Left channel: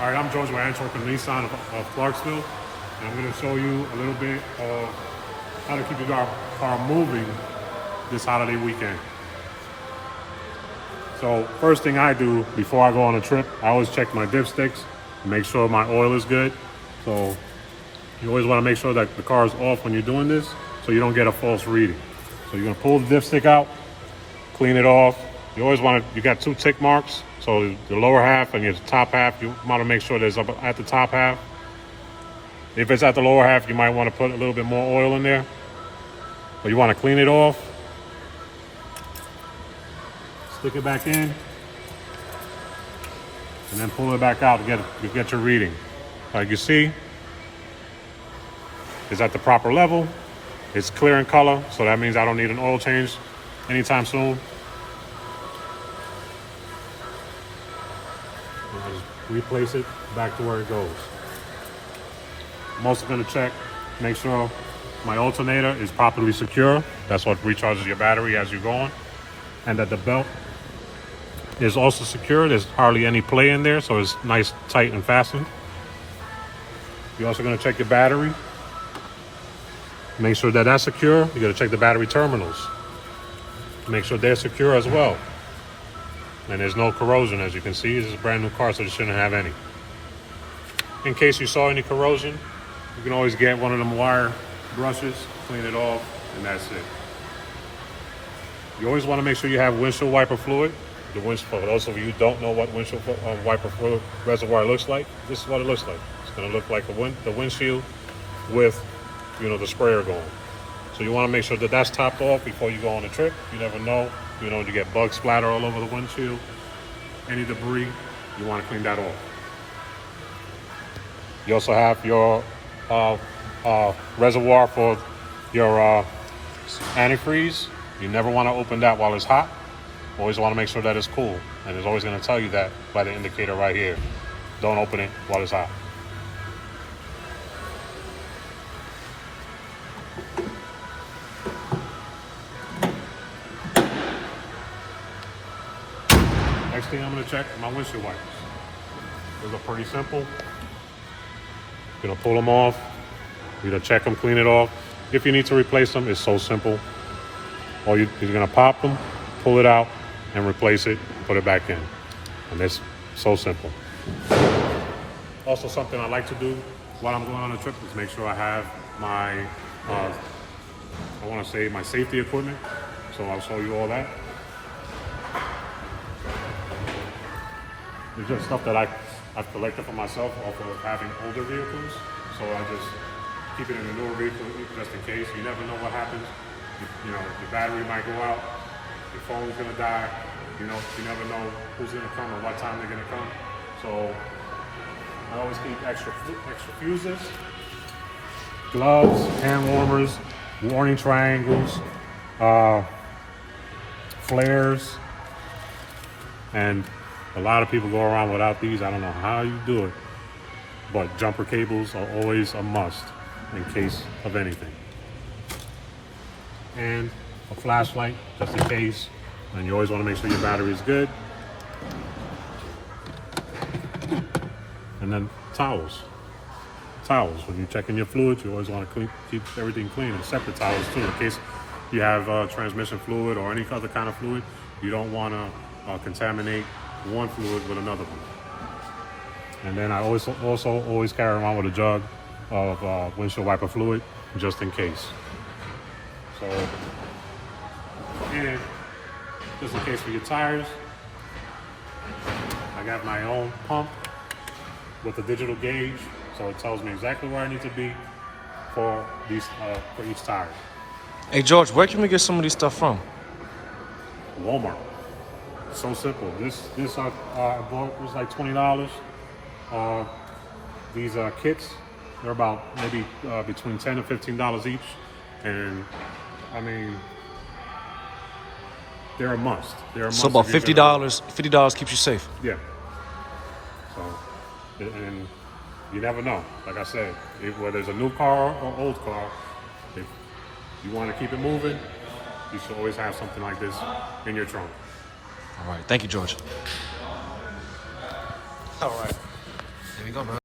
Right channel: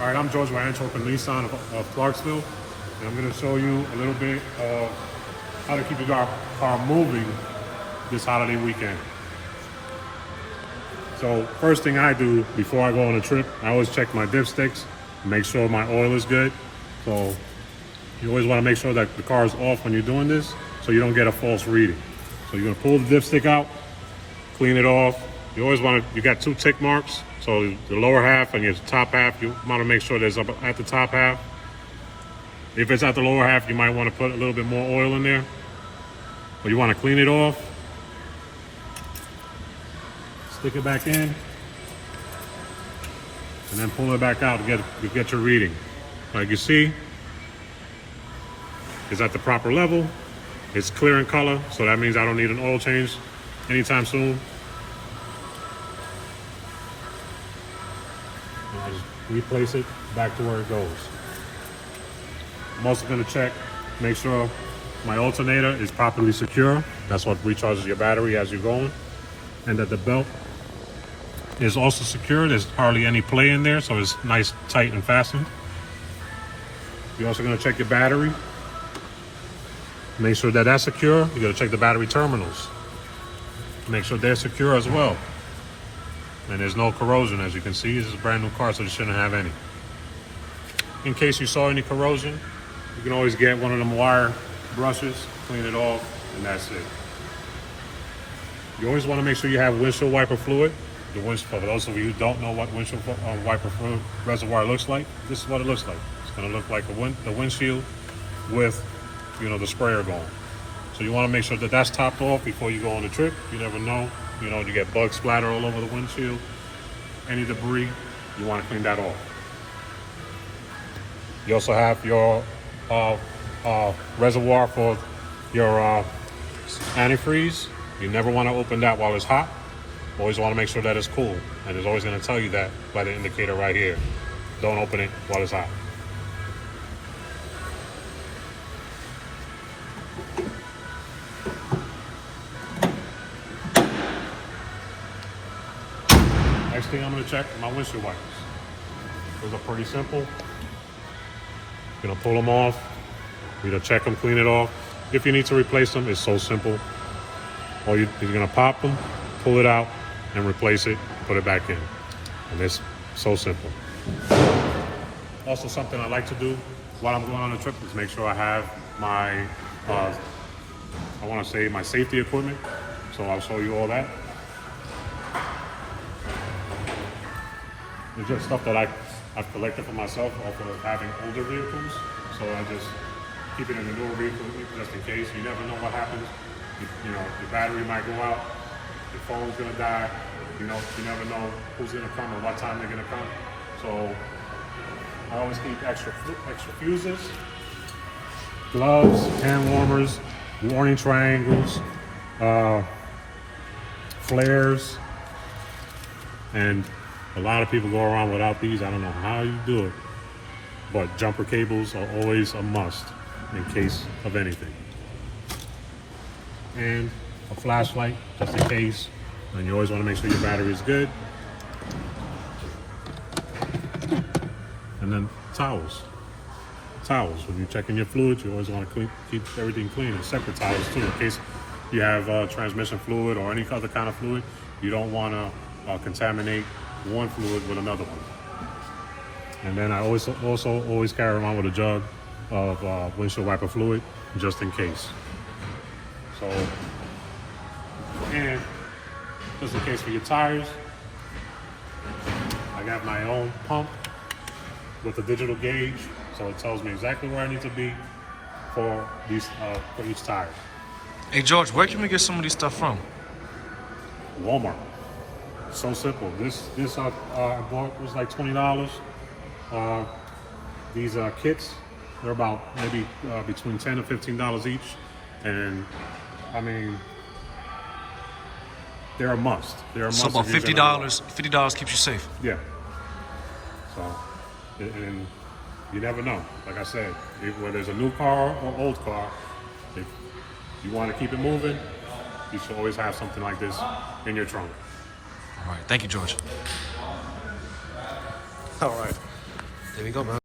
All right, I'm George with Antwerp and Nissan of Clarksville, and I'm going to show you a little bit of how to keep your car moving this holiday weekend. So first thing I do before I go on a trip, I always check my dipsticks and make sure my oil is good. So you always want to make sure that the car is off when you're doing this so you don't get a false reading. So you're going to pull the dipstick out, clean it off. You always want to, you got two tick marks. So the lower half and your top half, you want to make sure there's up at the top half. If it's at the lower half, you might want to put a little bit more oil in there. But you want to clean it off. Stick it back in. And then pull it back out to get your reading. Like you see, it's at the proper level. It's clear in color, so that means I don't need an oil change anytime soon. I'll just replace it back to where it goes. I'm also going to check, make sure my alternator is properly secure. That's what recharges your battery as you're going. And that the belt is also secure. There's hardly any play in there, so it's nice, tight, and fastened. You're also going to check your battery. Make sure that that's secure. You got to check the battery terminals. Make sure they're secure as well. And there's no corrosion, as you can see. This is a brand new car, so it shouldn't have any. In case you saw any corrosion, you can always get one of them wire brushes, clean it off, and that's it. You always want to make sure you have windshield wiper fluid. For those of you who don't know what windshield wiper fluid reservoir looks like, this is what it looks like. It's going to look like the windshield with, the sprayer going. So you want to make sure that that's topped off before you go on a trip. You never know, to get bug splatter all over the windshield, any debris, you want to clean that off. You also have your reservoir for your antifreeze. You never want to open that while it's hot. Always want to make sure that it's cool. And it's always going to tell you that by the indicator right here. Don't open it while it's hot. Next thing I'm going to check my windshield wipers. Those are pretty simple. You're going to pull them off. You're going to check them, clean it off. If you need to replace them, it's so simple. Or you're going to pop them, pull it out, and replace it, put it back in. And it's so simple. Also, something I like to do while I'm going on a trip is make sure I have my, my safety equipment. So I'll show you all that. It's just stuff that I've collected for myself off of having older vehicles. So I just keep it in the newer vehicle just in case. You never know what happens. The battery might go out, your phone's gonna die. You never know who's gonna come or what time they're gonna come. So I always keep extra fuses, gloves, hand warmers, warning triangles, flares, and a lot of people go around without these. I don't know how you do it, but jumper cables are always a must in case of anything. And a flashlight, just in case. And you always want to make sure your battery is good. And then towels. When you're checking your fluids, you always want to keep everything clean, except the towels too, in case you have transmission fluid or any other kind of fluid. You don't want to contaminate one fluid with another one. And then I also always carry around with a jug of windshield wiper fluid, just in case. So, and just in case for your tires, I got my own pump with a digital gauge, so it tells me exactly where I need to be for each tire. Hey George, where can we get some of these stuff from? Walmart. So simple. This I bought was like $20. These kits, they're about maybe between $10 and $15 each, and I mean, they're a must. So about $50. $50 keeps you safe. Yeah. So, and you never know. Like I said, whether it's a new car or old car, if you want to keep it moving, you should always have something like this in your trunk. All right. Thank you, George. All right. There we go, man.